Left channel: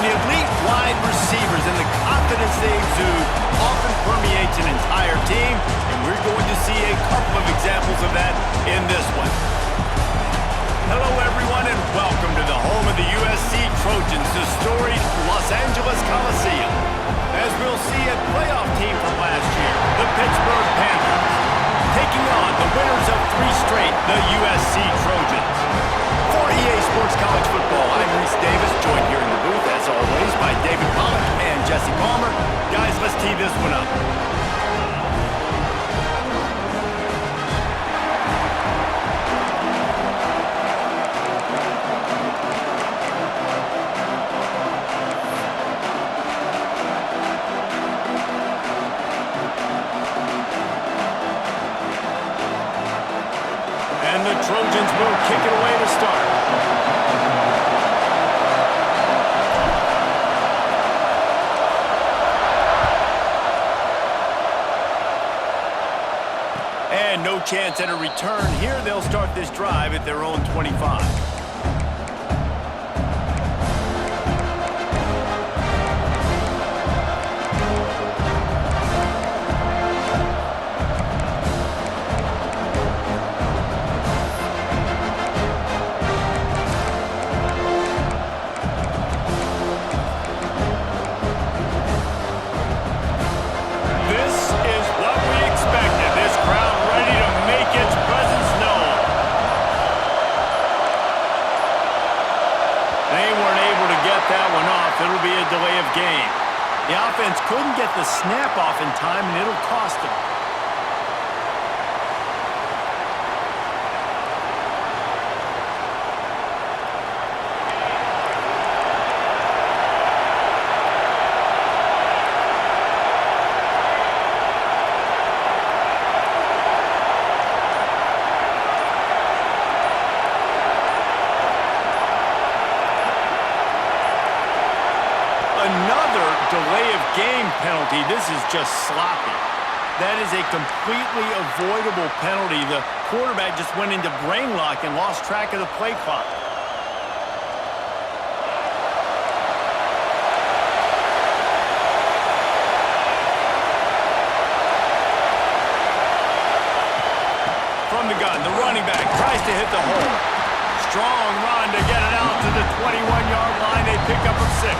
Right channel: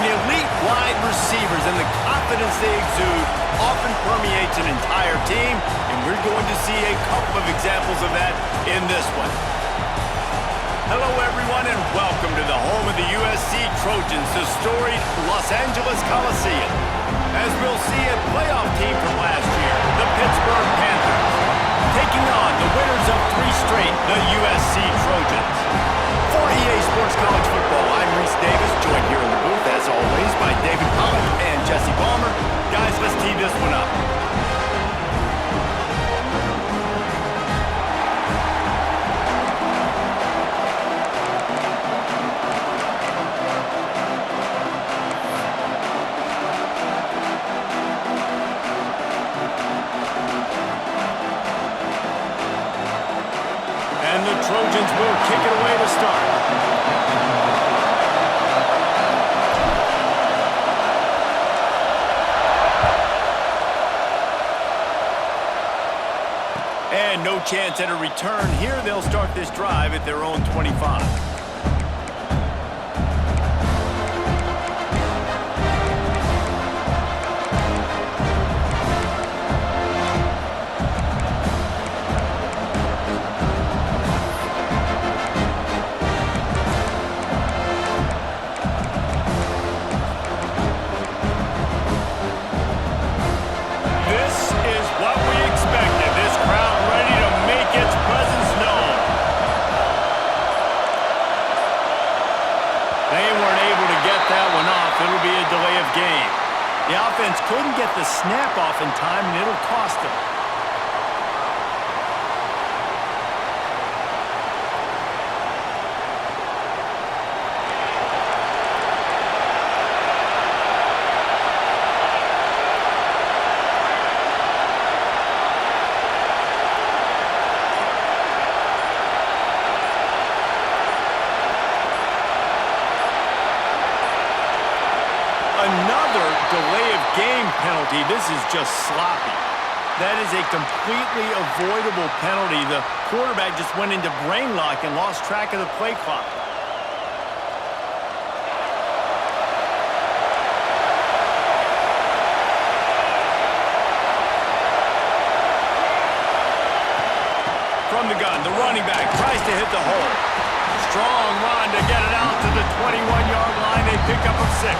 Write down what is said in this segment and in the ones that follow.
and elite wide receivers, and the confidence they exude often permeates an entire team, and we're going to see a couple of examples of that in this one. Hello, everyone, and welcome to the home of the USC Trojans, the storied Los Angeles Coliseum. As we'll see a playoff team from last year, the Pittsburgh Panthers, taking on the winners of 3 straight, the USC Trojans. For EA Sports College Football, I'm Reese Davis, joined here in the booth, as always, by David Pollack and Jesse Palmer. Guys, let's tee this one up. And the Trojans will kick it away to start. And no chance at a return here. They'll start this drive at their own 25. What we expected, this crowd ready to make its presence known. They weren't able to get that one off. It'll be a delay of game. The offense couldn't get the snap off in time, and it'll cost them. Another delay of game penalty. This is just sloppy. That is a completely avoidable penalty. The quarterback just went into brain lock and lost track of the play clock. From the gun, the running back tries to hit the hole. Strong run to get it out to the 21-yard line. They pick up a 6.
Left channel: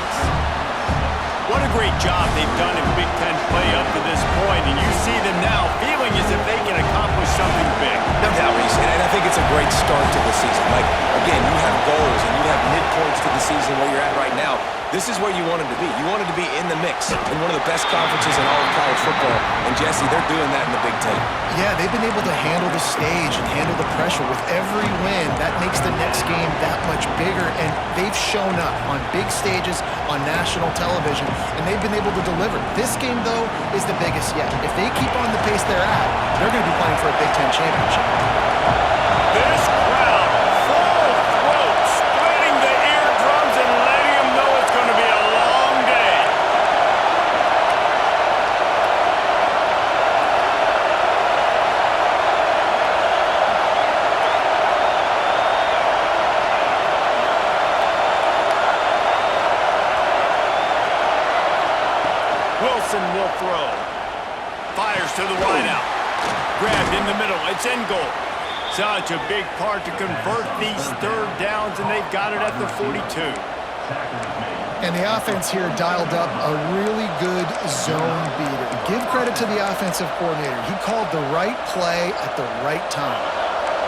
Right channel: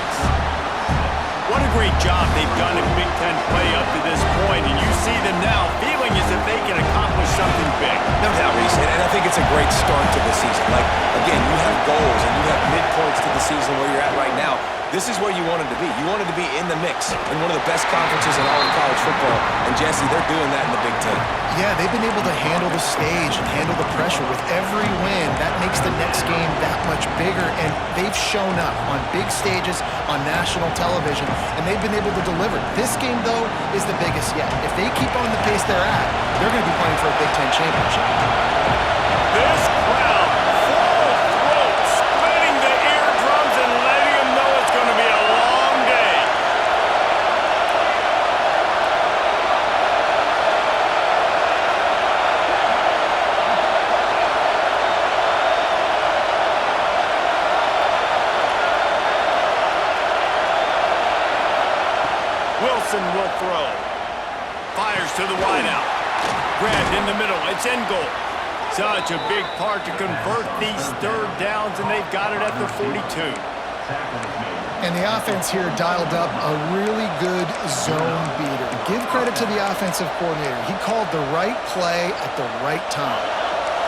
What a great job they've done in Big Ten play up to this point, and you see them now feeling as if they can accomplish something big. No doubt, Reese, and I think it's a great start to the season. Like, again, you have goals and you have midpoints to the season where you're at right now. This is where you wanted to be. You wanted to be in the mix in one of the best conferences in all of college football, and Jesse, they're doing that in the Big Ten. Yeah, they've been able to handle the stage and handle the pressure with every win. That makes the next game that much bigger, and they've shown up on big stages on national television, and they've been able to deliver. This game, though, is the biggest yet. If they keep on the pace they're at, they're going to be playing for a Big Ten championship. This crowd, full throat, splitting the eardrums and letting them know it's going to be a long day. Wilson will throw. Fires to the wideout. Grabbed in the middle. It's in goal. Such a big part to convert these third downs, and they've got it at the 42. And the offense here dialed up a really good zone beater. Give credit to the offensive coordinator. He called the right play at the right time.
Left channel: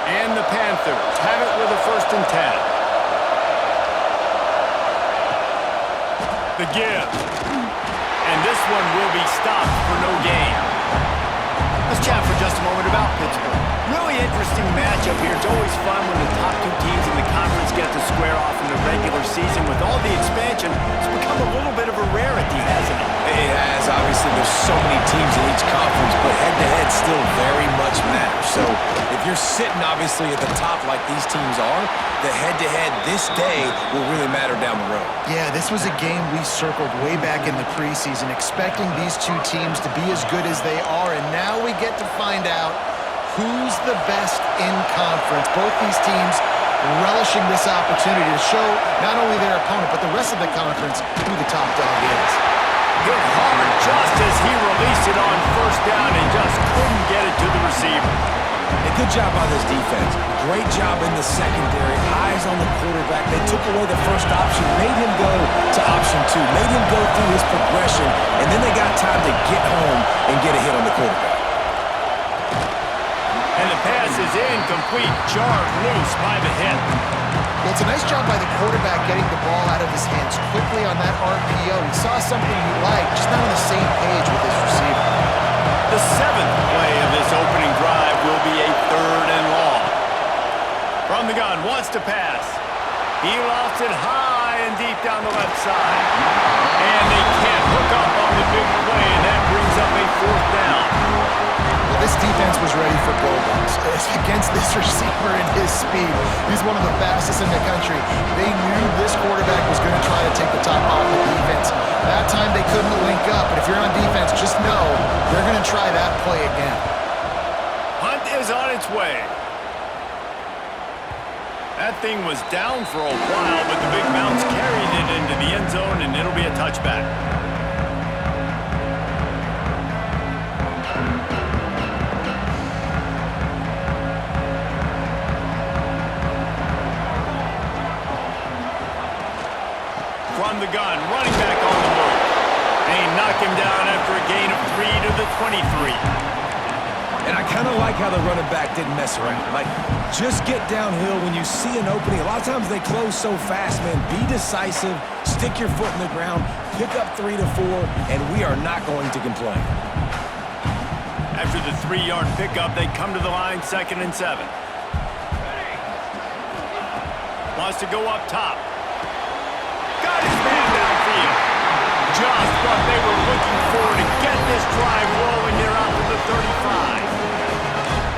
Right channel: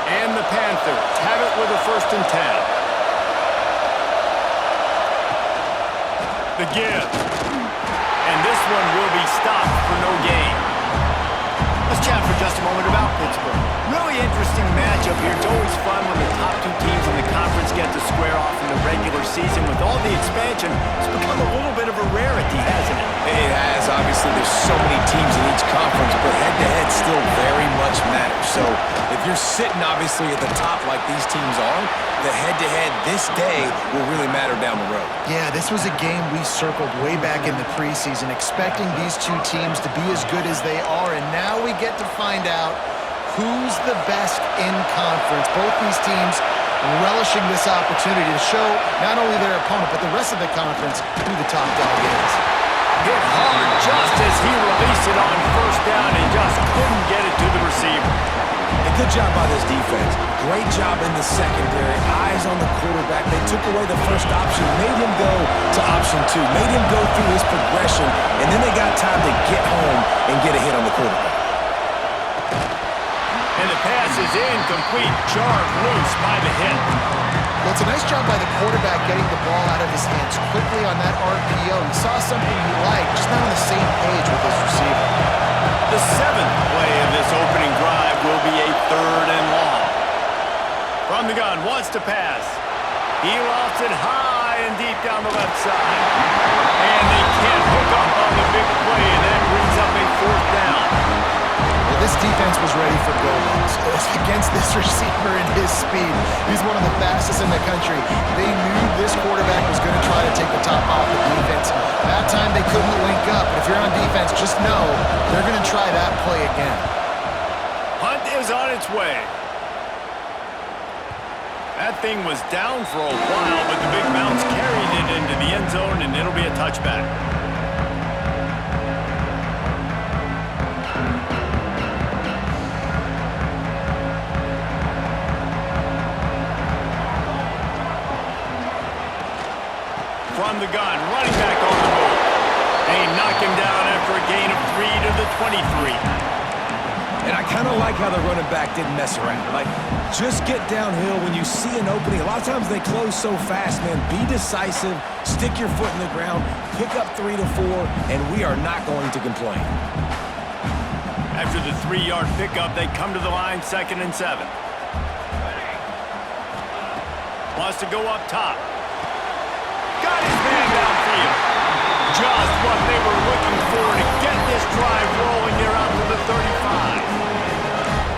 And the Panthers have it with a 1st and 10. The give. And this one will be stopped for no gain. Let's chat for just a moment about Pittsburgh. Really interesting matchup here. It's always fun when the top 2 teams in the conference get to square off in the regular season. With all the expansion, it's become a little bit of a rarity, hasn't it? It has. Obviously, there's so many teams in each conference, but head-to-head still very much matters. So if you're sitting, obviously, at the top like these teams are, the head-to-head this day will really matter down the road. Yeah, this was a game we circled way back in the preseason, expecting these 2 teams to be as good as they are, and now we get to find out who's the best in conference. Both these teams relishing this opportunity to show not only their opponent, but the rest of the conference who the top dog is. Hit hard just as he released it on first down and just couldn't get it to the receiver. A good job by this defense. Great job in the secondary. Eyes on the quarterback. They took away the first option, made him go to option 2, made him go through his progression, and then they got time to get home and get a hit on the quarterback. And the pass is incomplete, jarred loose by the hit. Well, it's a nice job by the quarterback getting the ball out of his hands quickly on that RPO. He saw something he liked, just not on the same page with his receiver. The 7th play of this opening drive will be a 3rd and long. From the gun, wants to pass. He lofts it high and deep down the left side. And they can't hook up on the big play, and that brings up a 4th down. Well, this defense was ready for go Bucks. Against this receiver and his speed, he's one of the fastest in the country. They knew this quarterback was going to try to take the top off the defense. That time they couldn't link up, but if you're on defense, just know they're going to try that play again. Hunt is on its way. That thing was down for a while, but the big bounce carried it into the end zone, and it'll be a touchback. From the gun, running back on the move. They knock him down after a gain of 3 to the 23. And I kind of like how the running back didn't mess around. Like, just get downhill when you see an opening. A lot of times they close so fast, man. Be decisive, stick your foot in the ground, pick up 3 to 4, and we are not going to complain. After the 3-yard pickup, they come to the line, 2nd and 7. Wants to go up top. Got his man downfield. Just what they were looking for to get this drive rolling here out to the 35.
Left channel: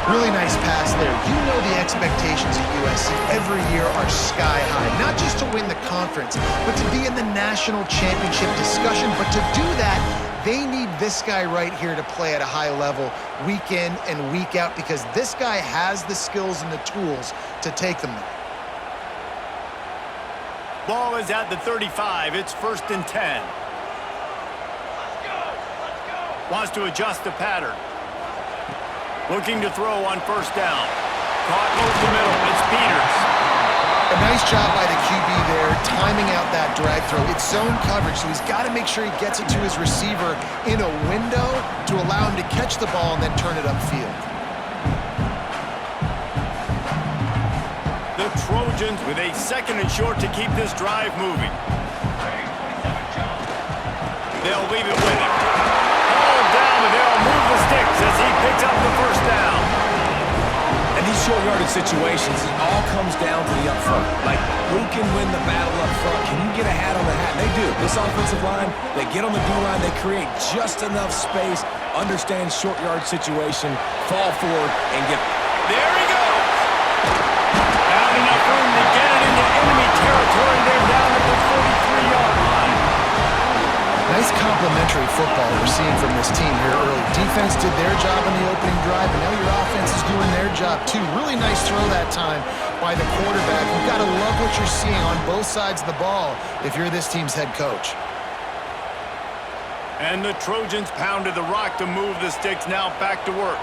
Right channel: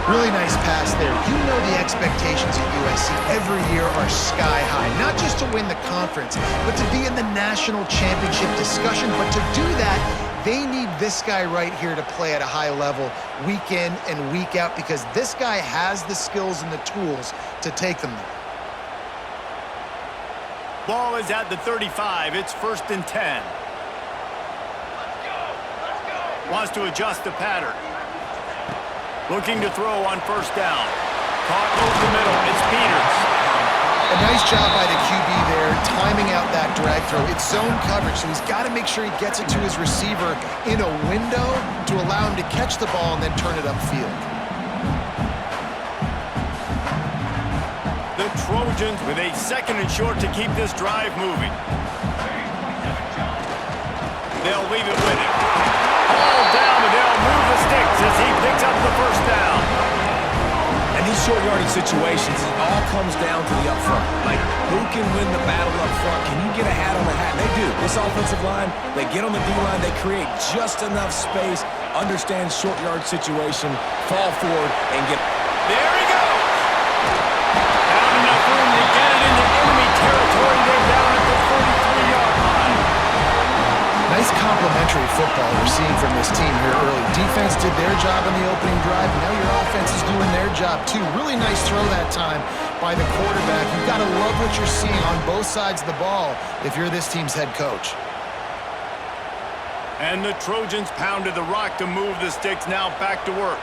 Really nice pass there. You know the expectations at USC every year are sky high. Not just to win the conference, but to be in the national championship discussion. But to do that, they need this guy right here to play at a high level week in and week out, because this guy has the skills and the tools to take them there. Ball is at the 35. It's 1st and 10. Wants to adjust the pattern. Looking to throw on 1st down. Caught over the middle. It's Peters. A nice job by the QB there, timing out that drag throw. It's zone coverage, so he's got to make sure he gets it to his receiver in a window to allow him to catch the ball and then turn it upfield. The Trojans with a 2nd and short to keep this drive moving. They'll leave it with him. All down, but they'll move the sticks as he picks up the 1st down. And these short yardage situations, it all comes down to the up front. Like, who can win the battle up front? Can you get a hat on the hat? They do. This offensive line, they get on the D-line, they create just enough space, understand short yard situation, fall forward, and get... There he goes! Found enough room to get it into enemy territory. They're down at the 43-yard line. Nice complimentary football we're seeing from this team here early. Defense did their job in the opening drive, and now your offense is doing their job too. Really nice throw that time by the quarterback. You've got to love what you're seeing on both sides of the ball if you're this team's head coach. And the Trojans pounded the rock to move the sticks. Now back to work.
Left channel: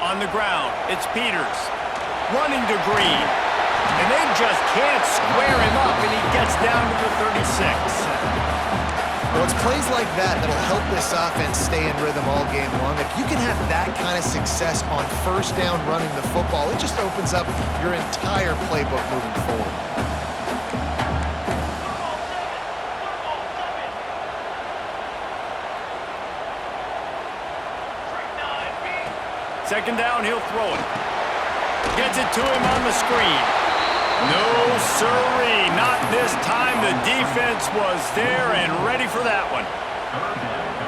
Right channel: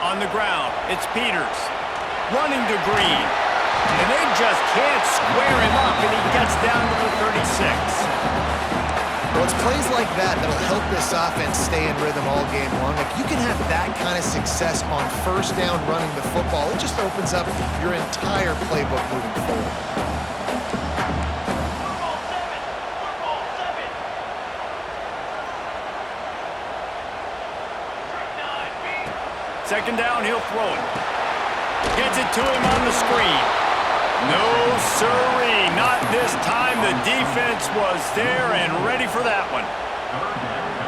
On the ground, it's Peters. Running to Green. And they just can't square him up, and he gets down to the 36. Well, it's plays like that that'll help this offense stay in rhythm all game long. If you can have that kind of success on 1st down running the football, it just opens up your entire playbook moving forward. Second down, he'll throw it. Gets it to him on the screen. No sirree, not this time. The defense was there and ready for that one.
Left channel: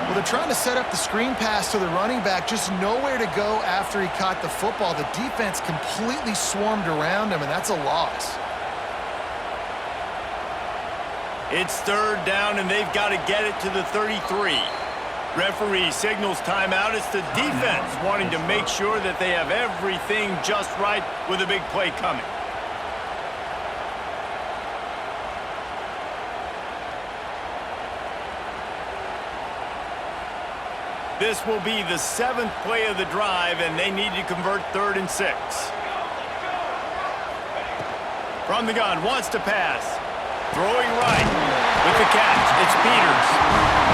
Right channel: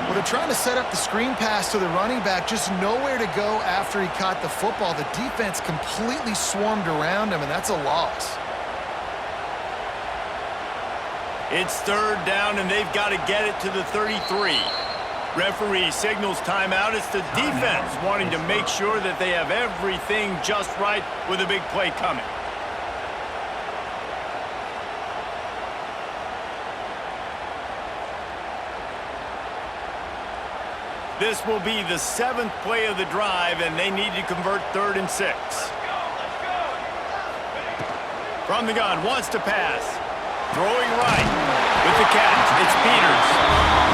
Well, they're trying to set up the screen pass to the running back, just nowhere to go after he caught the football. The defense completely swarmed around him, and that's a loss. It's third down, and they've got to get it to the 33. Referee signals timeout. It's the defense wanting to make sure that they have everything just right with a big play coming. This will be the 7th play of the drive, and they need to convert 3rd and 6. From the gun, wants to pass. Throwing right with the catch. It's Peters.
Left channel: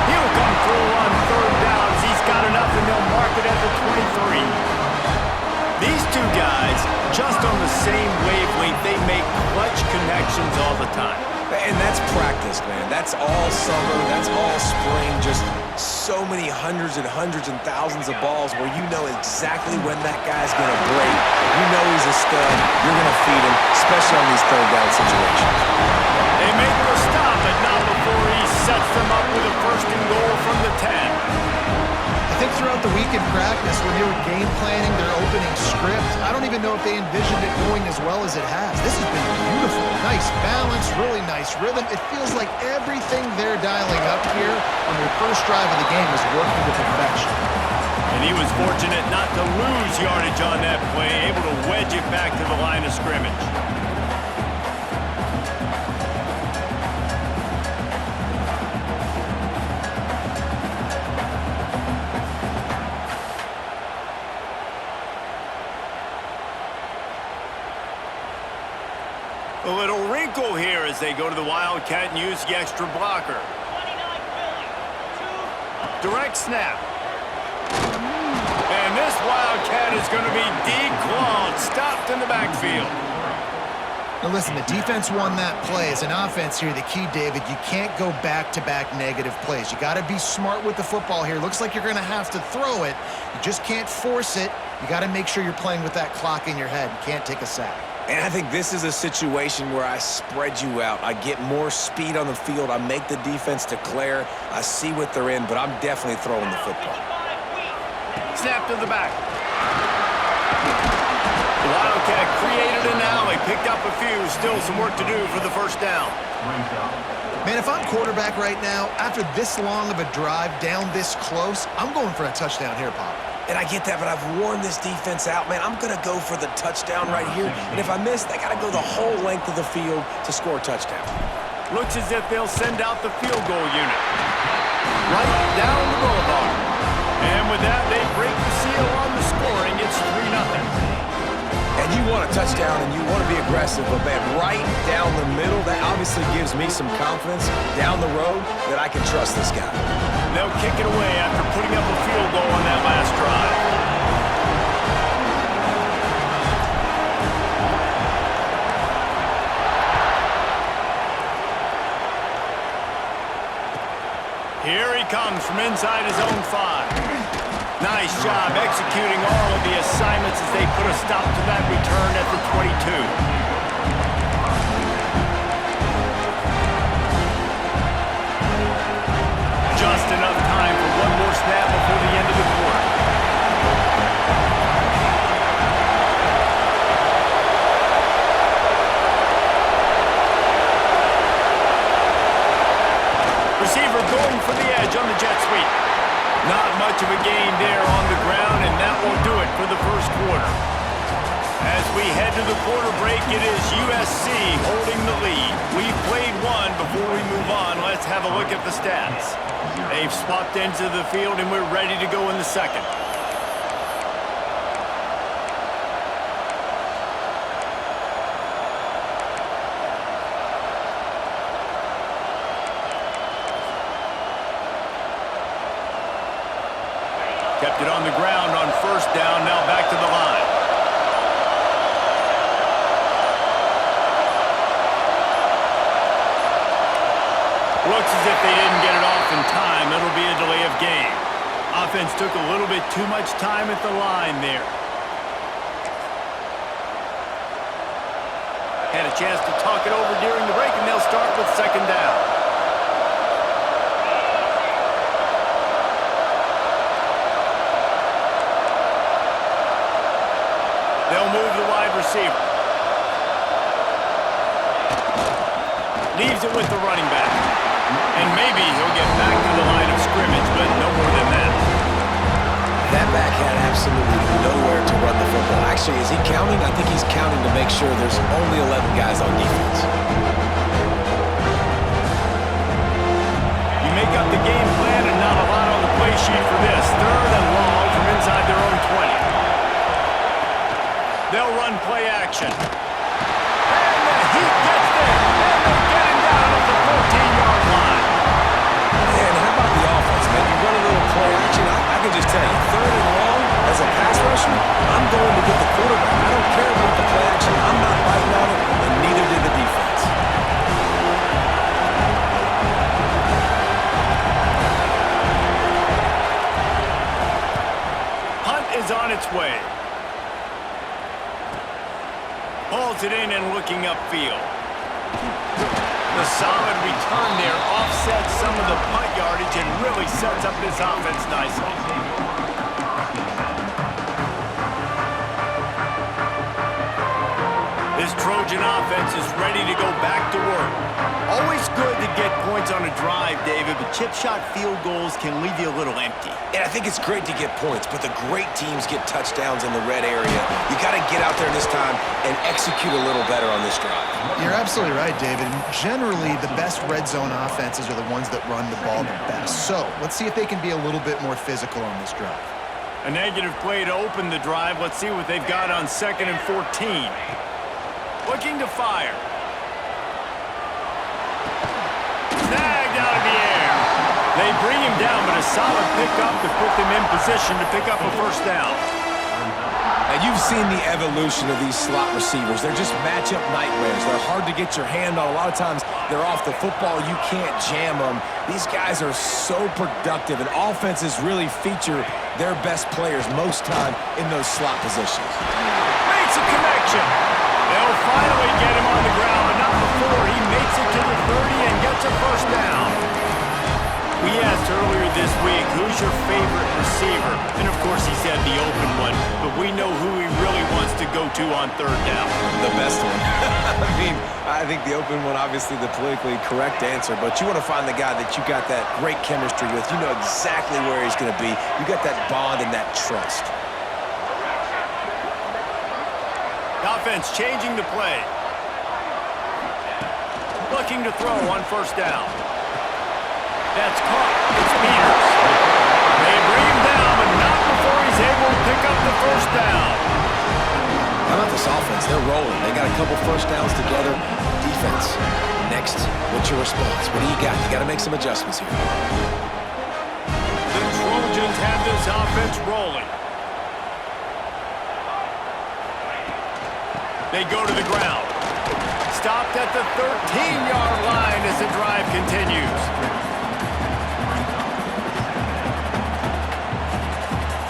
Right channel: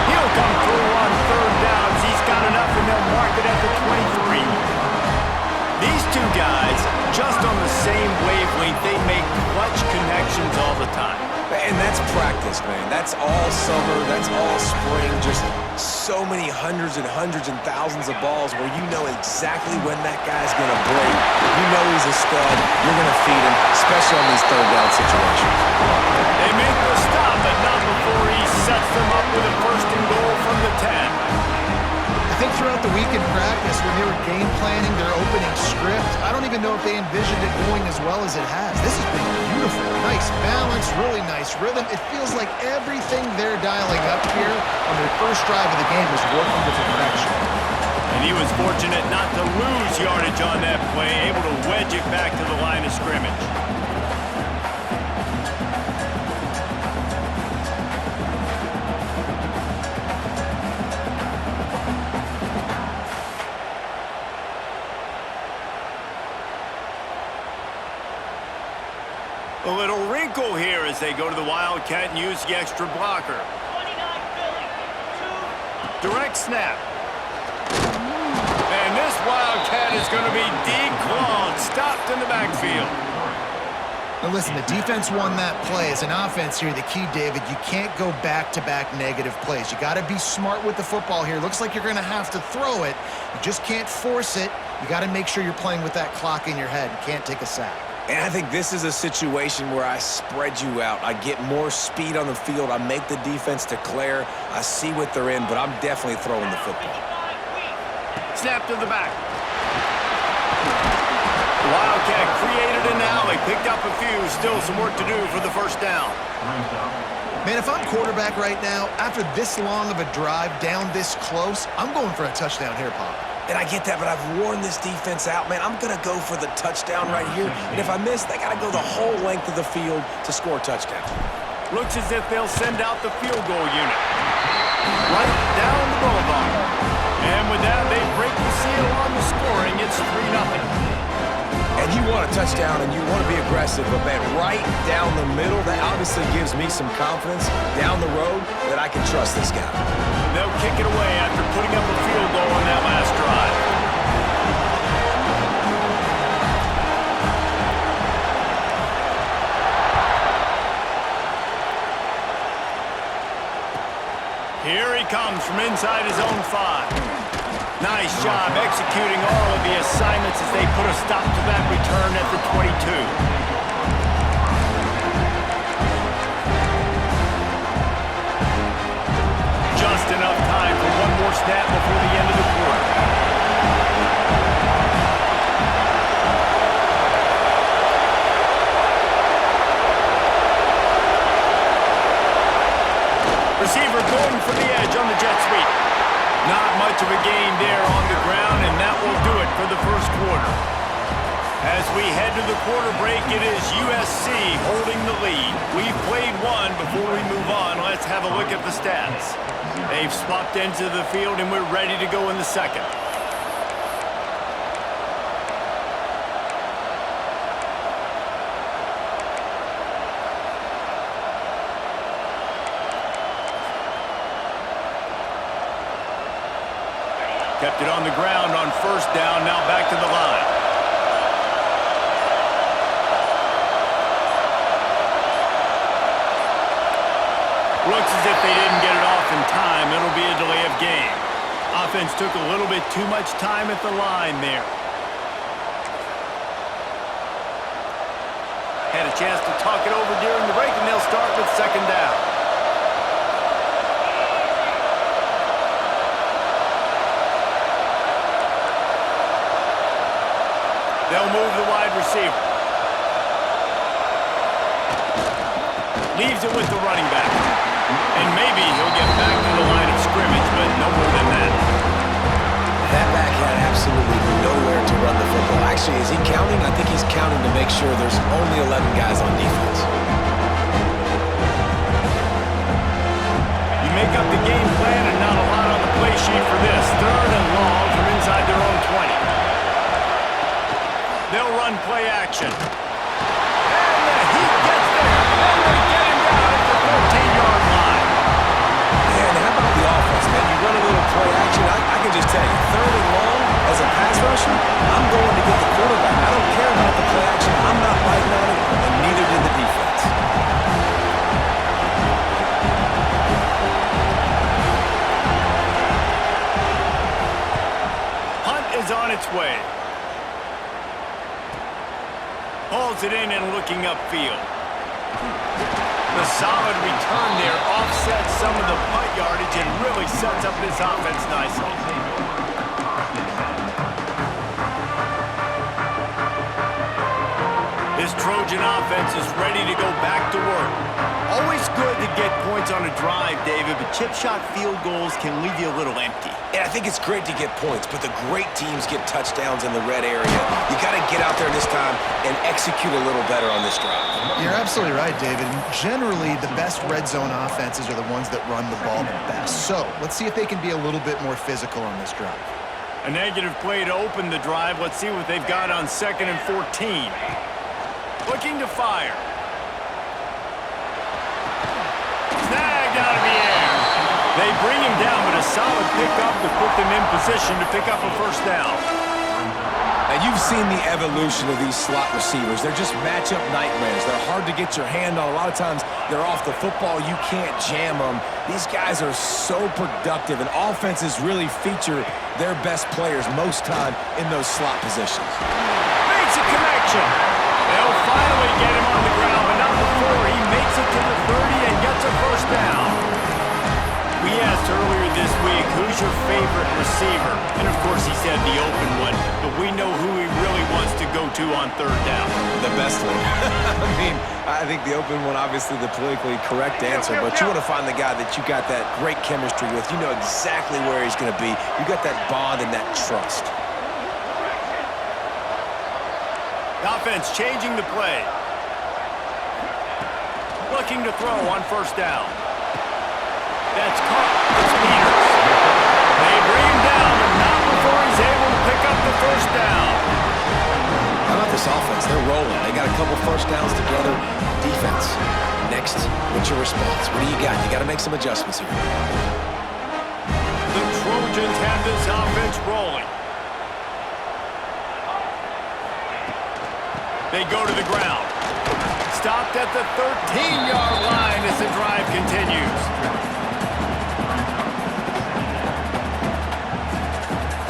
He'll come through on 3rd downs. He's got enough, and they'll mark it at the 23. These two guys, just on the same wavelength, they make clutch connections all the time. And that's practice, man. That's all summer. That's all spring. Just so many hundreds and thousands of balls where you know exactly when that guy's going to break. You know he's a stud. You're going to feed him, especially on these 3rd down situations. They make the stop, but not before he sets them up with a 1st and goal from the 10. I think throughout the week in practice, when they were game planning their opening script, I don't even know if they envisioned it going as well as it has. This has been beautiful. Nice balance, really nice rhythm. It feels like everything they're dialing up here on their first drive of the game is working to perfection. And he was fortunate not to lose yardage on that play, able to wedge it back to the line of scrimmage. A little wrinkle here as they go to the Wildcat and use the extra blocker. 29 Philly. Direct snap. And this Wildcat is going to be declawed, stopped in the backfield. Now listen, the defense won that play. As an offense here, the key, David, you can't go back-to-back negative plays. You got to be smart with the football here. Looks like you're going to have to throw it. You just can't force it. You got to make sure you're playing with that clock in your head. You can't take a sack. And I think this is a situation where I spread you out. I get more speed on the field. I make the defense declare. I see what they're in, but I'm definitely throwing the football. Snap to the back. The Wildcat created an alley, picked up a few. Still some work to do for the 1st down. Man, if I'm quarterback right now, after this long of a drive down this close, I'm going for a touchdown here, Pop. And I get that, but I've worn this defense out, man. I'm going to go for the touchdown right here. And if I miss, they got to go the whole length of the field to score a touchdown. Looks as if they'll send out the field goal unit. Right down the boulevard. And with that, they break the seal on the scoring. It's 3-0. And you want a touchdown and you want to be aggressive, but man, right down the middle, that obviously gives me some confidence down the road that I can trust this guy. They'll kick it away after putting up a field goal on that last drive. Here he comes from inside his own 5. Nice job executing all of the assignments as they put a stop to that return at the 22. Just enough time for one more snap before the end of the quarter. Receiver going for the edge on the jet sweep. Not much of a gain there on the ground, and that will do it for the 1st quarter. As we head to the quarter break, it is USC holding the lead. We've played one. Before we move on, let's have a look at the stats. They've swapped ends of the field, and we're ready to go in the 2nd. Kept it on the ground on 1st down, now back to the line. Looks as if they didn't get it off in time. It'll be a delay of game. Offense took a little bit too much time at the line there. Had a chance to talk it over during the break, and they'll start with 2nd down. They'll move the wide receiver. Leaves it with the running back. And maybe he'll get back to the line of scrimmage, but no more than that. That back had absolutely nowhere to run the football. Actually, is he counting? I think he's counting to make sure there's only 11 guys on defense. You make up the game plan and not a lot on the play sheet for this. 3rd and long from inside their own 20. They'll run play action. And the heat gets there. And they get him down at the 14-yard line. Man, how about the offense, man? You run a little play action. I can just tell you, 3rd and long, as a pass rusher, I'm going to get the quarterback. I don't care about the play action. I'm not biting on it, and neither did the defense. Punt is on its way. Hauls it in and looking upfield. The solid return there offsets some of the punt yardage and really sets up this offense nicely. This Trojan offense is ready to go back to work. Always good to get points on a drive, David, but chip shot field goals can leave you a little empty. And I think it's great to get points, but the great teams get touchdowns in the red area. You got to get out there this time and execute a little better on this drive. You're absolutely right, David. Generally, the best red zone offenses are the ones that run the ball the best. So let's see if they can be a little bit more physical on this drive. A negative play to open the drive. Let's see what they've got on 2nd and 14. Looking to fire. Snagged out of the air. They bring him down, but a solid pickup to put them in position to pick up a 1st down. Now, you've seen the evolution of these slot receivers. They're just matchup nightmares. They're hard to get your hand on. A lot of times, they're off the football. You can't jam them. These guys are so productive, and offenses really feature their best players most time in those slot positions. Makes a connection. They'll finally get him on the ground, but not before he makes it to the 30 and gets a 1st down. We asked earlier this week, who's your favorite receiver? And, of course, he said the open one, but we know who he really wants to go to on 3rd down. The best one. I mean, I think the open one, obviously the politically correct answer, but you want to find the guy that you got that great chemistry with. You know exactly where he's going to be. You got that bond and that trust. Offense changing the play. Looking to throw on 1st down. That's caught. It's Peters. They bring him down, but not before he's able to pick up the 1st down. How about this offense? They're rolling. They got a couple 1st downs together. Defense. Next, what's your response? What do you got? You got to make some adjustments here. The Trojans have this offense rolling. They go to the ground. Stopped at the 13-yard line as the drive continues.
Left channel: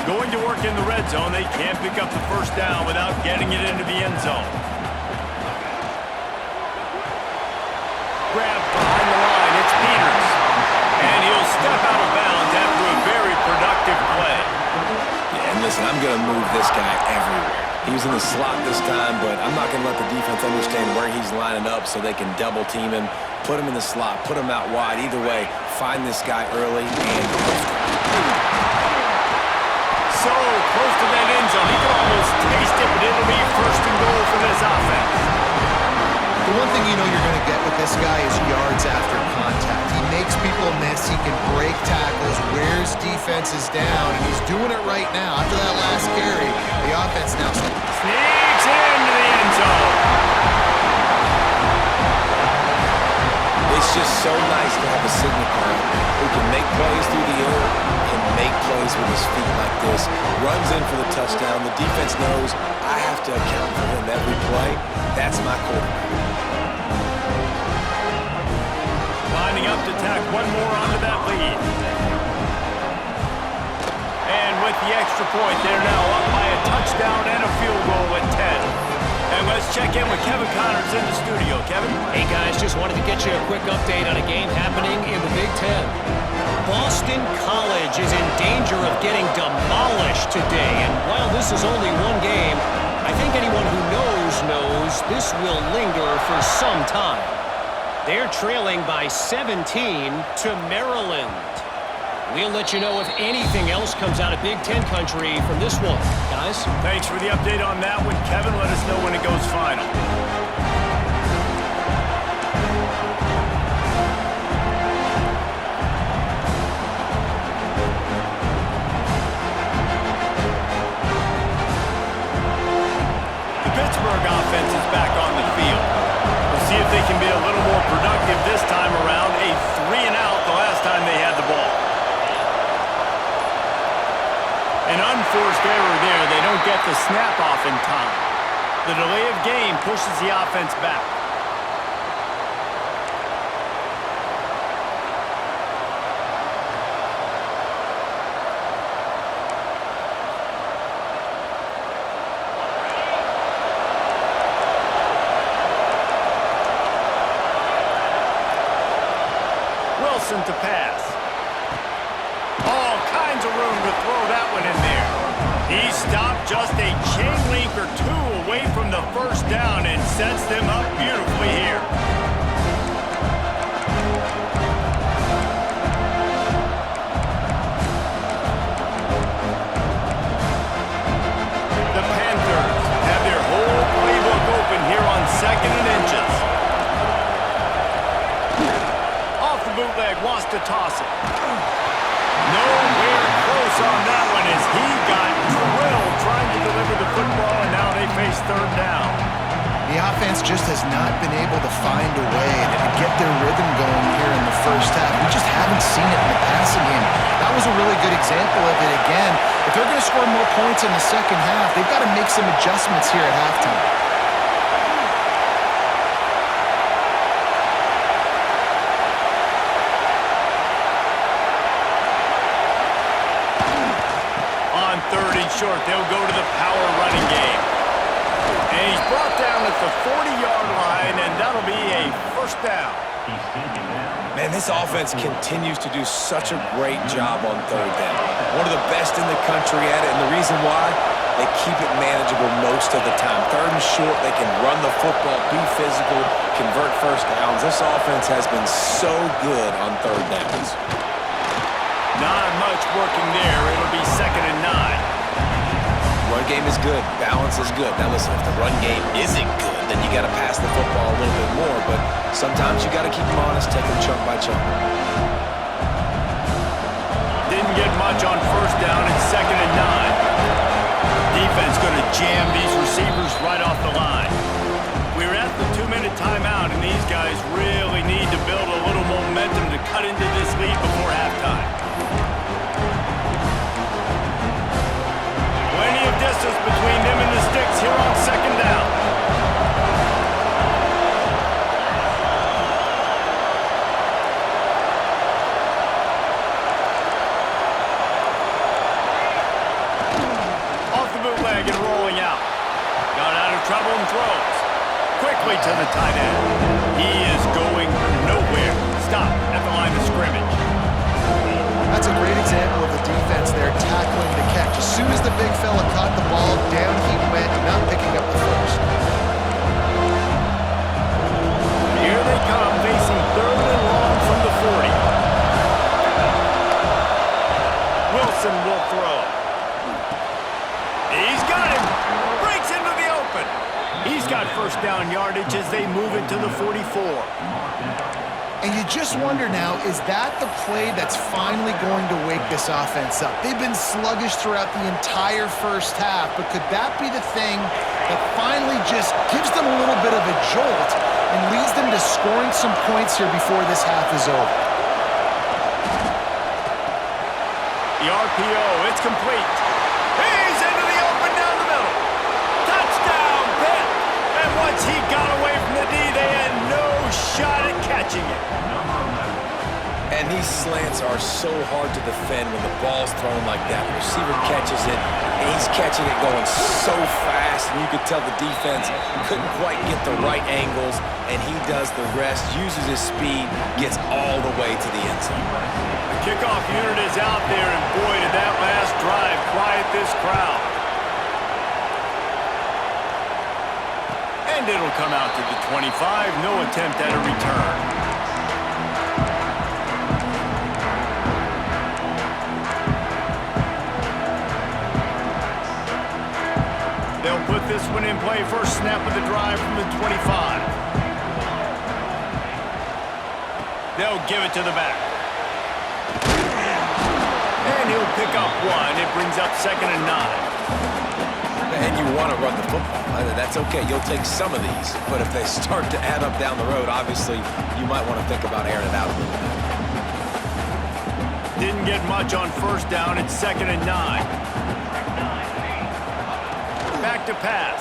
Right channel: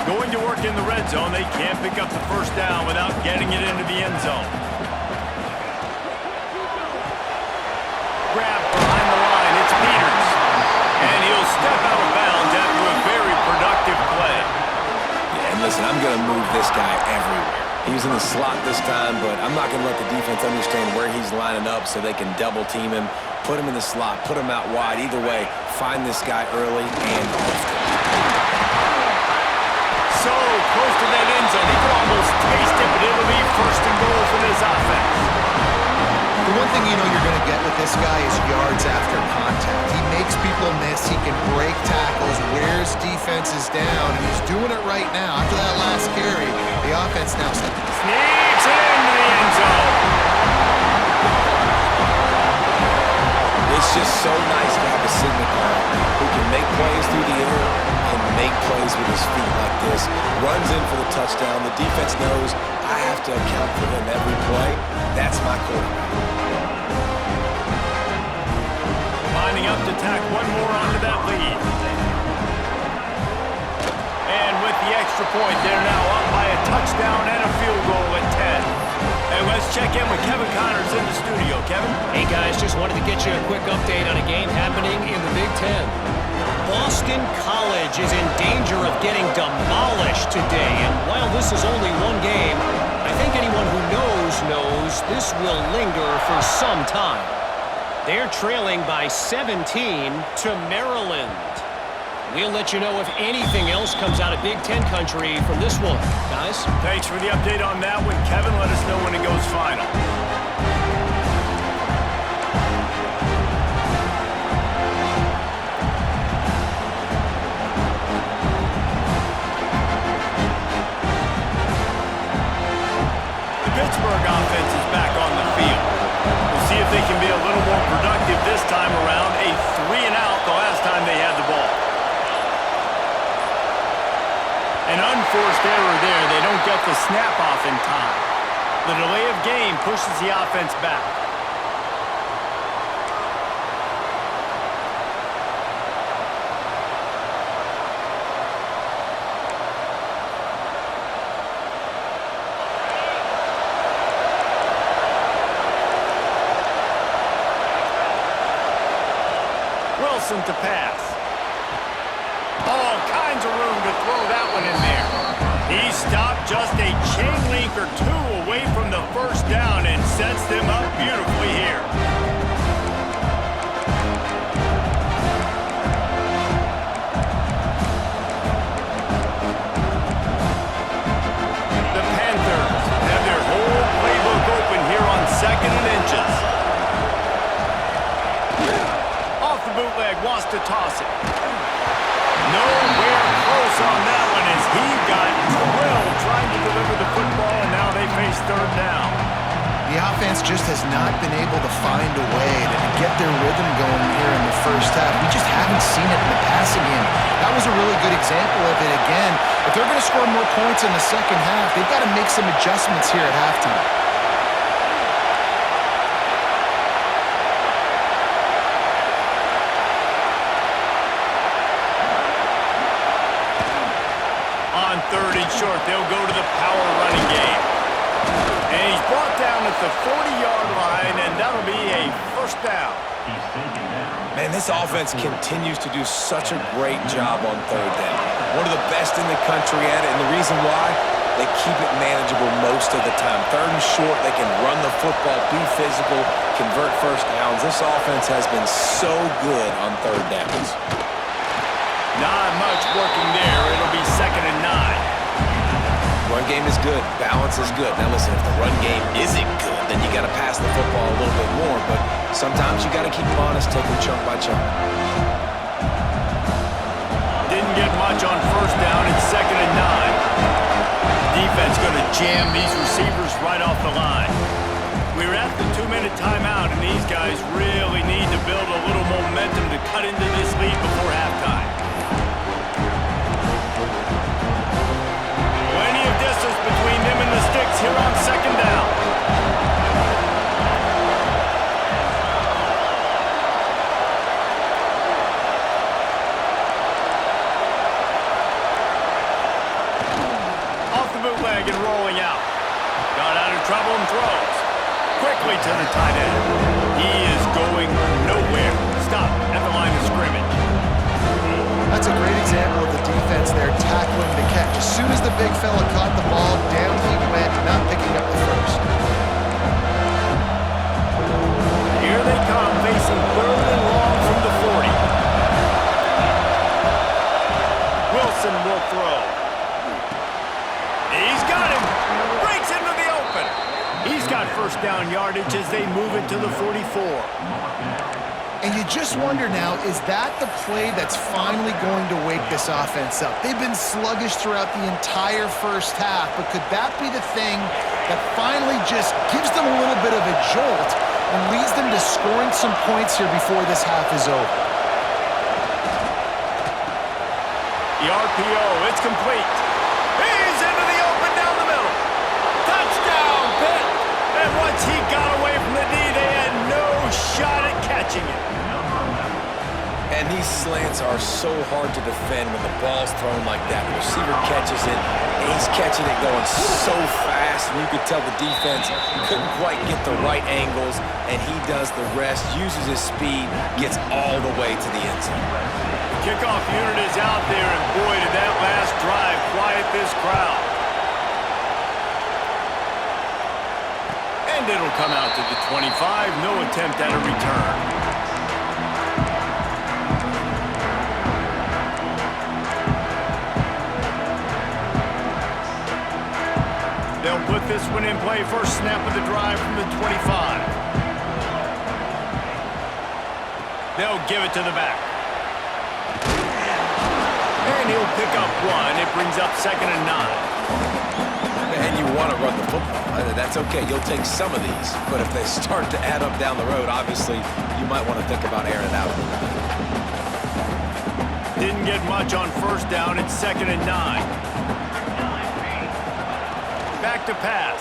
Going to work in the red zone. They can't pick up the 1st down without getting it into the end zone. Grab behind the line. It's Peters. And he'll step out of bounds after a very productive play. Yeah, and listen, I'm going to move this guy everywhere. He was in the slot this time, but I'm not going to let the defense understand where he's lining up so they can double team him, put him in the slot, put him out wide. Either way, find this guy early and often. So close to that end zone. He could almost taste it, but it'll be 1st and goal for this offense. The one thing you know you're going to get with this guy is yards after contact. He makes people miss. He can break tackles, wears defenses down, and he's doing it right now. After that last carry, the offense now sneaks into the end zone. It's just so nice to have a signal caller who can make plays through the air and make plays with his feet like this. Runs in for the touchdown. The defense knows I have to account for him every play. That's my quarterback. Lining up to tack one more onto that lead. And with the extra point, they're now up by a touchdown and a field goal at 10. And let's check in with Kevin Connors in the studio. Kevin? Hey, guys, just wanted to get you a quick update on a game happening in the Big Ten. Boston College is in danger of getting demolished today. And while this is only one game, I think anyone who knows this will linger for some time. They're trailing by 17 to Maryland. We'll let you know if anything else comes out of Big Ten country from this one. Guys? Thanks for the update on that one, Kevin. Let us know when it goes final. The Pittsburgh offense is back on the field. We'll see if they can be a little more productive this time around. A 3-and-out the last time they had the ball. An unforced error there. They don't get the snap off in time. The delay of game pushes the offense back. Wilson to pass. All kinds of room to throw that one in there. He stopped just a chain link or two away from the first down and sets them up beautifully here. The Panthers have their whole playbook open here on 2nd and inches. Off the bootleg, wants to toss it. Nowhere close on that one as he got drilled trying to deliver the football, and now they face 3rd down. The offense just has not been able to find a way to get their rhythm going here in the first half. We just haven't seen it in the passing game. That was a really good example of it again. If they're going to score more points in the second half, they've got to make some adjustments here at halftime. On 3rd and short, they'll go to the power running game. And he's brought down at the 40-yard line, and that'll be a 1st down. Man, this offense continues to do such a great job on 3rd down. One of the best in the country at it, and the reason why, they keep it manageable most of the time. 3rd and short, they can run the football, be physical, convert 1st downs. This offense has been so good on 3rd downs. Not much working there. It'll be 2nd and 9. Run game is good. Balance is good. Now listen, if the run game isn't good, then you got to pass the football a little bit more. But sometimes you got to keep them honest, take them chunk by chunk. Didn't get much on 1st down. It's 2nd and 9. Defense going to jam these receivers right off the line. We're at the 2-minute timeout, and these guys really need to build a little momentum to cut into this lead before halftime. Plenty of distance between them and the sticks here on 2nd down. Off the bootleg and rolling out. Got out of trouble and throws. Quickly to the tight end. He is going nowhere. Stop at the line of scrimmage. That's a great example of the defense there tackling the catch. As soon as the big fella caught the ball, down he went, not picking up the first. Here they come, facing 3rd and long from the 40. Wilson will throw. He's got him. Breaks into the open. He's got 1st down yardage as they move it to the 44. And you just wonder now, is that the play that's finally going to wake this offense up? They've been sluggish throughout the entire first half, but could that be the thing that finally just gives them a little bit of a jolt and leads them to scoring some points here before this half is over? The RPO, it's complete. He's into the open down the middle. Touchdown, Pitt! And once he got away from the D, they had no shot at catching it. And these slants are so hard to defend when the ball's thrown like that. The receiver catches it, and he's catching it going so fast, and you could tell the defense couldn't quite get the right angles, and he does the rest, uses his speed, gets all the way to the end zone. The kickoff unit is out there, and boy, did that last drive quiet this crowd. And it'll come out to the 25. No attempt at a return. They'll put this one in play. First snap of the drive from the 25. They'll give it to the back. And he'll pick up one. It brings up 2nd and 9. And you want to run the football. That's okay. You'll take some of these. But if they start to add up down the road, obviously, you might want to think about airing it out a little bit. Didn't get much on first down. It's 2nd and 9. Back to pass.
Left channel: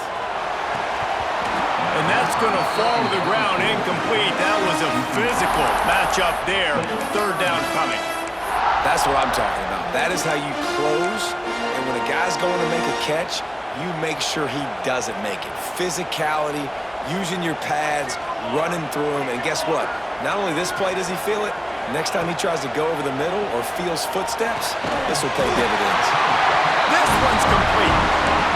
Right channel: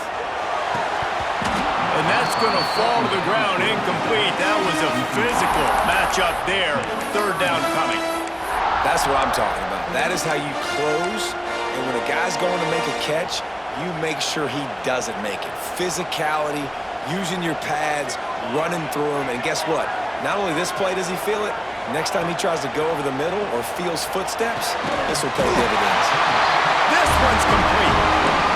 And that's going to fall to the ground incomplete. That was a physical matchup there. 3rd down coming. That's what I'm talking about. That is how you close. And when a guy's going to make a catch, you make sure he doesn't make it. Physicality, using your pads, running through them. And guess what? Not only this play does he feel it, next time he tries to go over the middle or feels footsteps, this will pay dividends. This one's complete.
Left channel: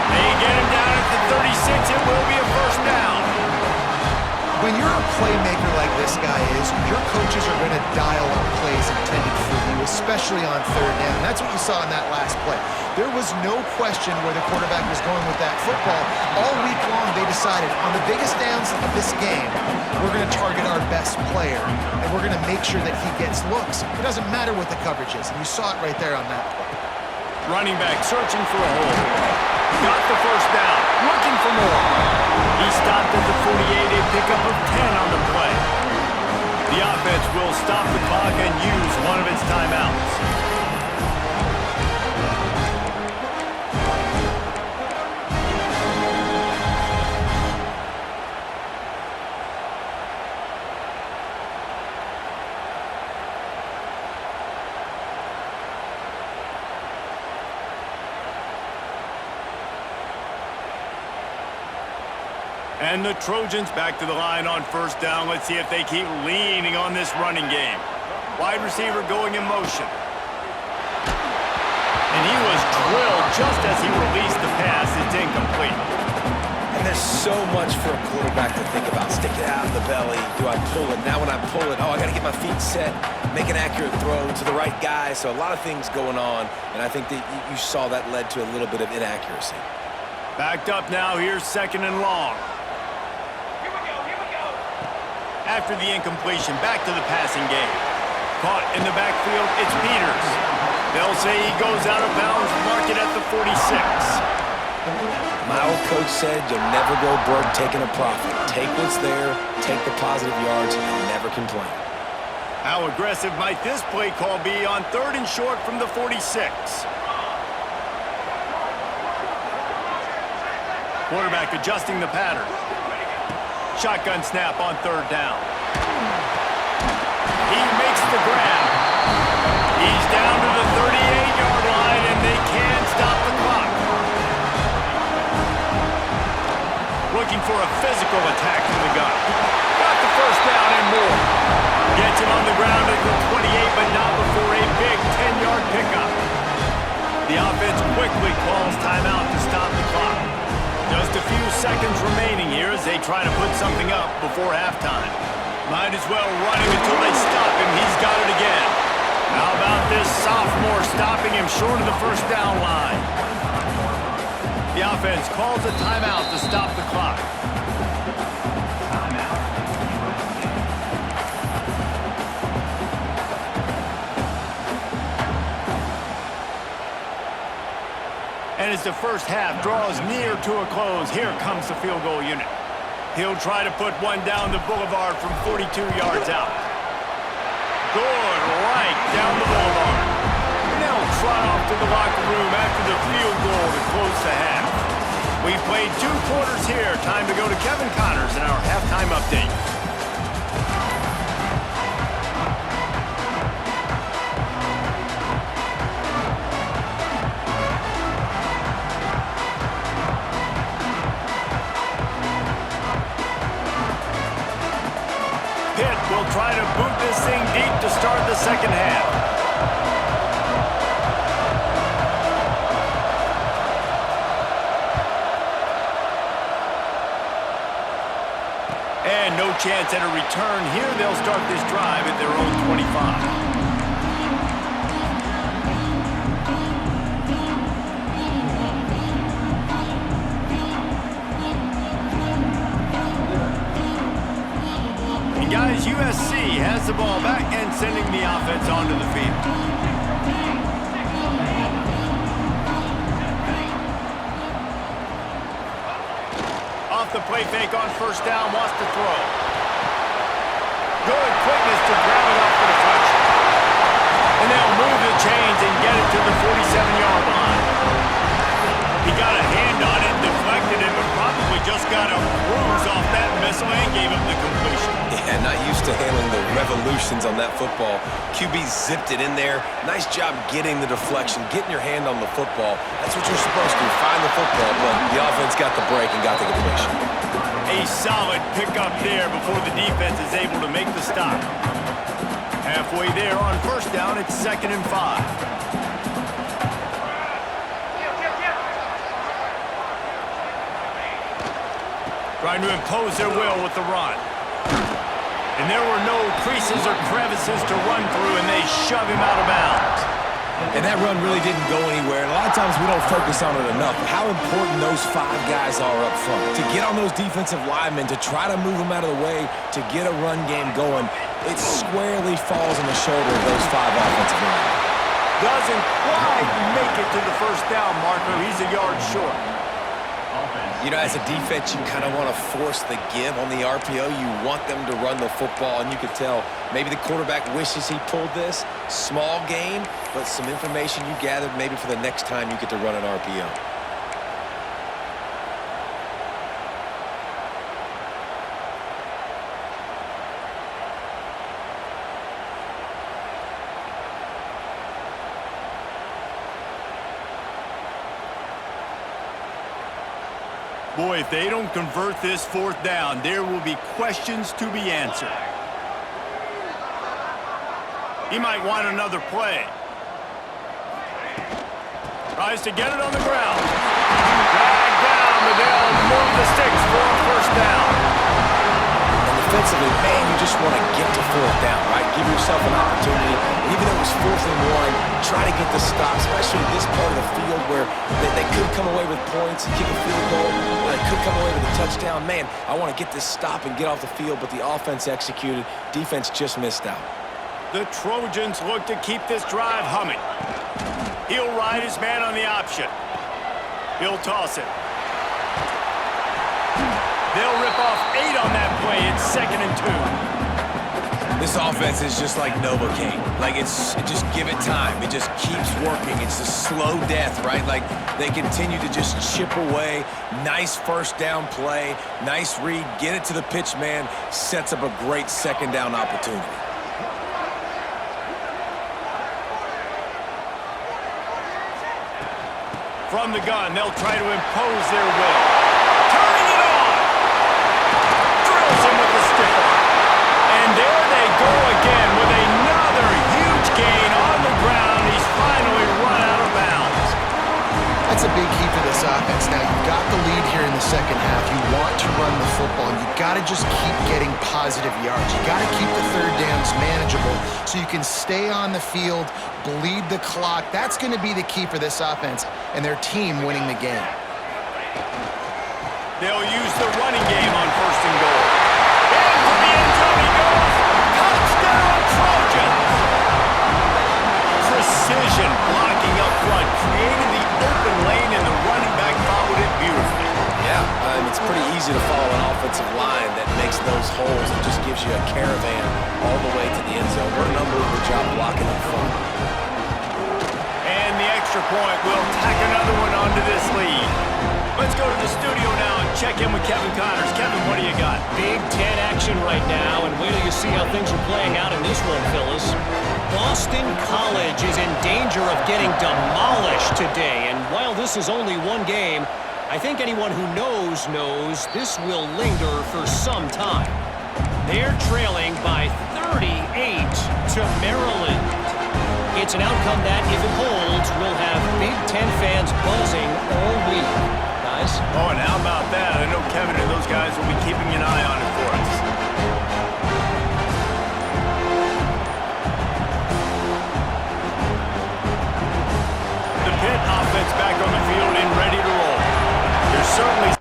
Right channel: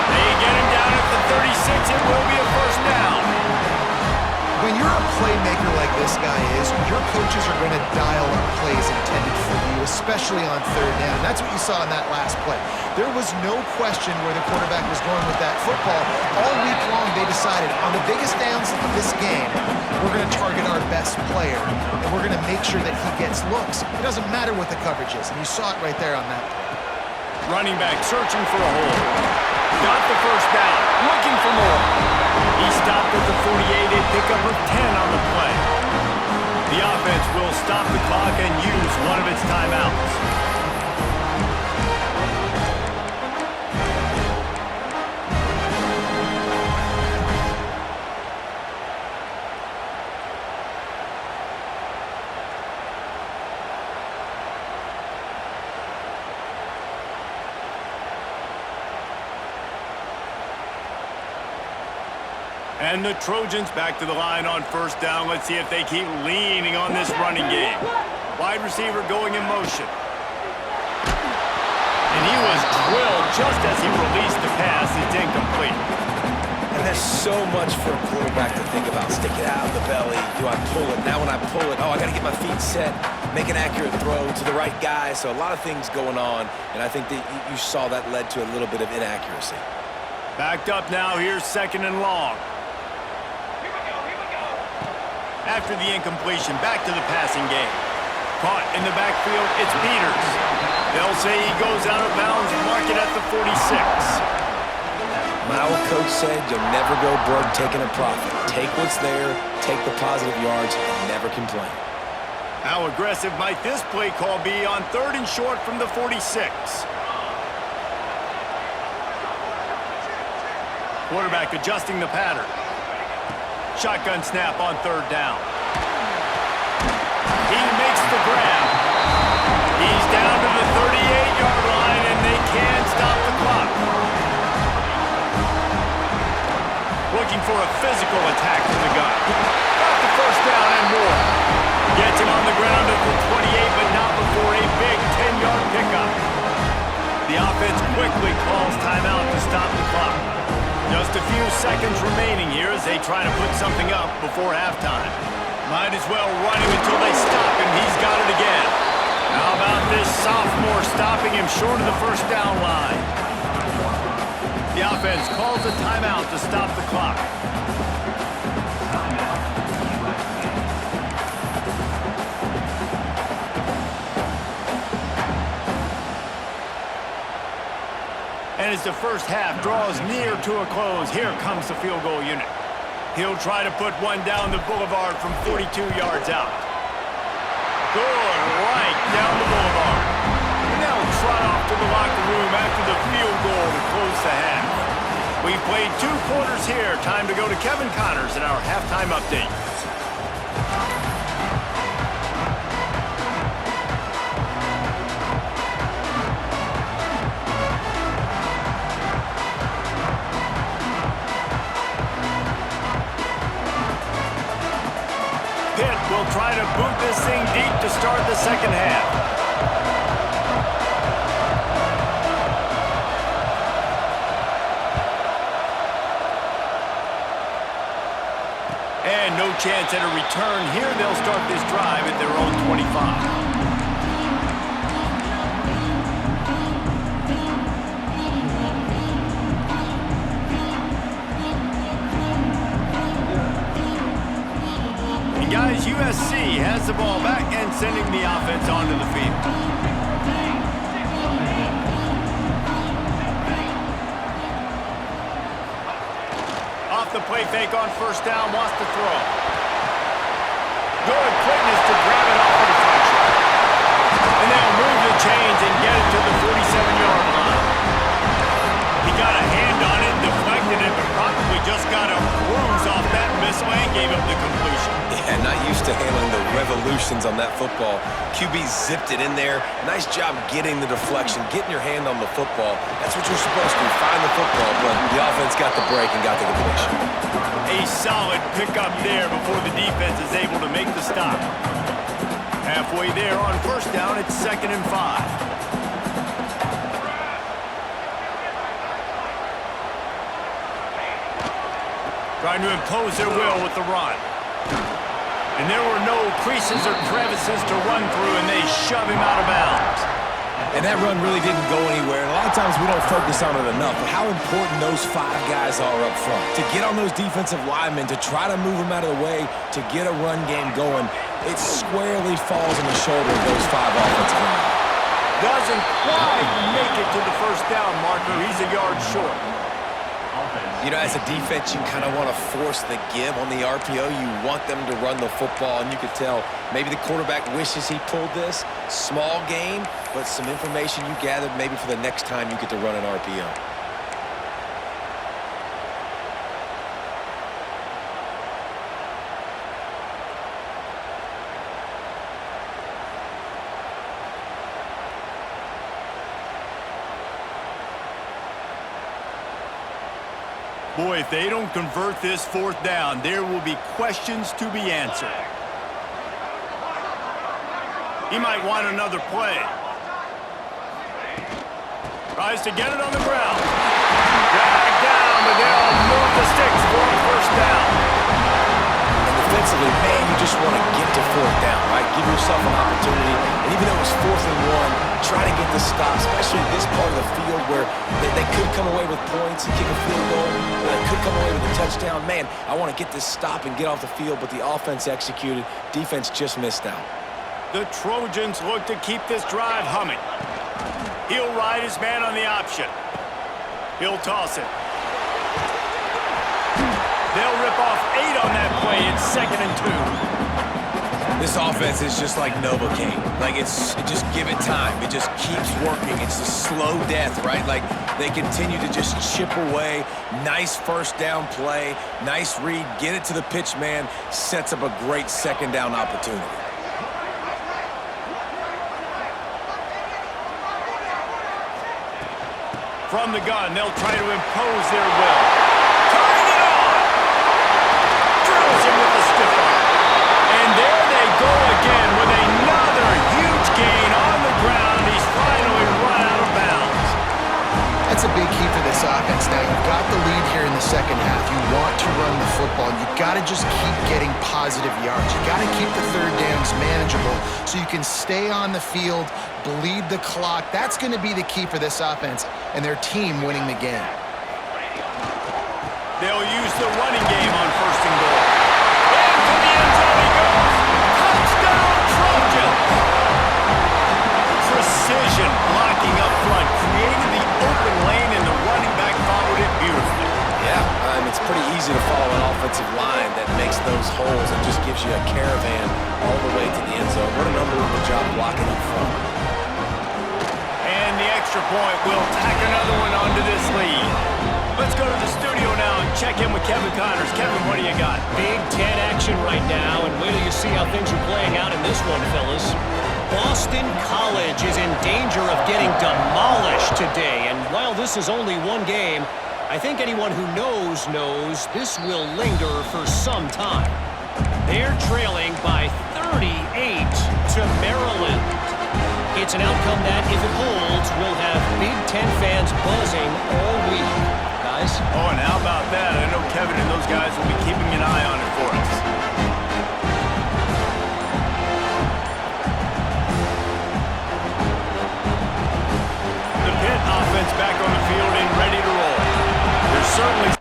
They get him down at the 36. It will be a first down. When you're a playmaker like this guy is, your coaches are going to dial up plays intended for you, especially on 3rd down. That's what you saw in that last play. There was no question where the quarterback was going with that football. All week long, they decided on the biggest downs of this game, we're going to target our best player, and we're going to make sure that he gets looks. It doesn't matter what the coverage is, and you saw it right there on that play. Running back searching for a hole. Got the first down. Looking for more. He stopped at the 48, a pickup of 10 on the play. The offense will stop the clock and use one of its timeouts. And the Trojans back to the line on first down. Let's see if they keep leaning on this running game. Wide receiver going in motion. And he was drilled just as he released the pass. It's incomplete. And there's so much for a quarterback to think about. Stick it out of the belly. Do I pull it? Now when I pull it, I got to get my feet set, make an accurate throw to the right guy. So a lot of things going on, and I think that you saw that led to a little bit of inaccuracy. Backed up now. Here's 2nd and long. After the incompletion, back to the passing game. Caught in the backfield, it's Peters. They'll say he goes out of bounds, mark it at the 46. My old coach said you'll never go broke taking a profit. Take what's there, take the positive yards, and never complain. How aggressive might this play call be on 3rd and short from the 46? Quarterback adjusting the pattern. Shotgun snap on 3rd down. He makes the grab. He's down to the 38-yard line, and they can stop the clock. Looking for a physical attack from the gun. Got the first down and more. Gets him on the ground at the 28, but not before a big 10-yard pickup. The offense quickly calls timeout to stop the clock. Just a few seconds remaining here as they try to put something up before halftime. Might as well run him until they stop him. He's got it again. How about this sophomore stopping him short of the first down line? The offense calls a timeout to stop the clock. And as the first half draws near to a close, here comes the field goal unit. He'll try to put one down the boulevard from 42 yards out. Good, right down the boulevard. And they'll trot off to the locker room after the field goal to close the half. We've played 2 quarters here. Time to go to Kevin Connors in our halftime update. Will try to boot this thing deep to start the second half. no chance at a return. Here they'll start this drive at their own 25. Guys, USC has the ball back and sending the offense onto the field. Off the play fake on first down, wants to throw. Good quickness to grab it off the deflection. And they'll move the chains and get it to the 47-yard line. He got a hand on it, deflected it, but probably just got a bruise off that missile and gave up the completion. Yeah, not used to handling the revolutions on that football. QB zipped it in there. Nice job getting the deflection, getting your hand on the football. That's what you're supposed to do, find the football, but the offense got the break and got the completion. A solid pickup there before the defense is able to make the stop. Halfway there on first down, it's 2nd and 5. Trying to impose their will with the run. And there were no creases or crevices to run through, and they shove him out of bounds. And that run really didn't go anywhere. And a lot of times we don't focus on it enough, but how important those 5 guys are up front. To get on those defensive linemen, to try to move them out of the way, to get a run game going, it squarely falls on the shoulder of those 5 offensive linemen. Doesn't quite make it to the first down marker. He's a yard short. You know, as a defense, you kind of want to force the give on the RPO. You want them to run the football, and you could tell maybe the quarterback wishes he pulled this. Small game, but some information you gathered maybe for the next time you get to run an RPO. Boy, if they don't convert this 4th down, there will be questions to be answered. He might want another play. Tries to get it on the ground. Dragged down, but they'll move the sticks for a first down. And defensively, man, you just want to get to 4th down, right? Give yourself an opportunity. And even though it was 4th and 1, try to get the stop, especially this part of the field where they could come away with points and kick a field goal, or they could come away with a touchdown. Man, I want to get this stop and get off the field, but the offense executed. Defense just missed out. The Trojans look to keep this drive humming. He'll ride his man on the option. He'll toss it. They'll rip off 8 on that play. It's 2nd and 2. This offense is just like Novocaine. Like, just give it time. It just keeps working. It's a slow death, right? Like, they continue to just chip away. Nice first down play. Nice read. Get it to the pitch man. Sets up a great 2nd down opportunity. From the gun, they'll try to impose their will. Turning it on! Drills him with the stiff arm. And there they go again with another huge gain on the ground. He's finally run out of bounds. That's a big key for this offense. Now, you've got the lead here in the second half. You want to run the football. You've got to just keep getting positive yards. You've got to keep the 3rd downs manageable so you can stay on the field, bleed the clock. That's going to be the key for this offense and their team winning the game. They'll use the running game on 1st and goal. Into the end zone he goes. Touchdown, Trojans! Precision blocking up front, created the open lane, and the running back followed it beautifully. Yeah, it's pretty easy to follow an offensive line that makes those holes and just gives you a caravan all the way to the end zone. What an unbelievable job blocking up front. And the extra point will tack another one onto this lead. Let's go to the studio now and check in with Kevin Connors. Kevin, what do you got? Big Ten action right now, and wait till you see how things are playing out in this one, Phyllis. Boston College is in danger of getting demolished today, and while this is only one game, I think anyone who knows this will linger for some time. They're trailing by 38 to Maryland. It's an outcome that, if it holds, will have Big Ten fans buzzing all week. Guys? Oh, and how about that? I know Kevin and those guys will be keeping an eye on it for us. offense back on the field and ready to roll. There's certainly